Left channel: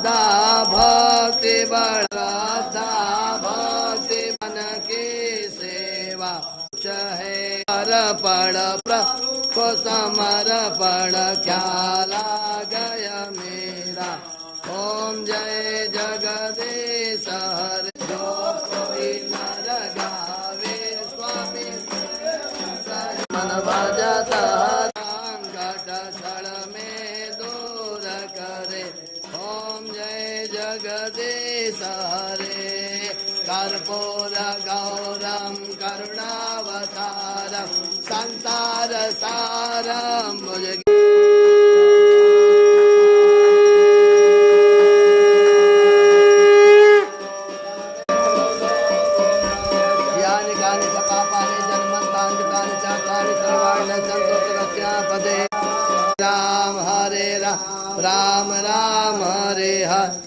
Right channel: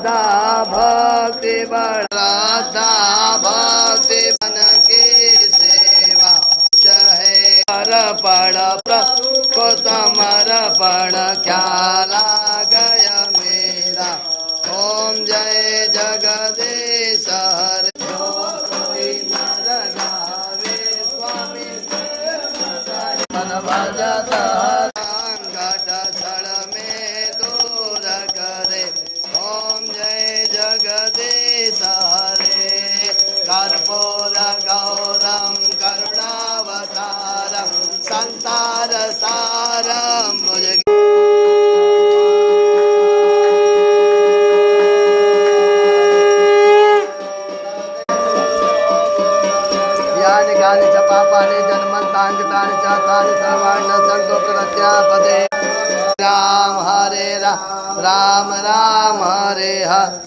श्रद्धा भक्ति श्रद्धा भक्ति मन की सेवा है अर्पण को समर्पण ख्याला गया मेरा। ओम जय जगदीश हरे जो कोई नर गावे स्वामी भजत घट छड़ में दूर करे। ओम जय जगदीश हरे कर्पूर गौरम करुणावतारम संसार सारम भुज। यानि कानि च पापानि जन्मन्तानि कृतानि च तानि सर्वाणि न सन्तु प्रत्यापदे। राम हरे राम राम राम हरे हरे।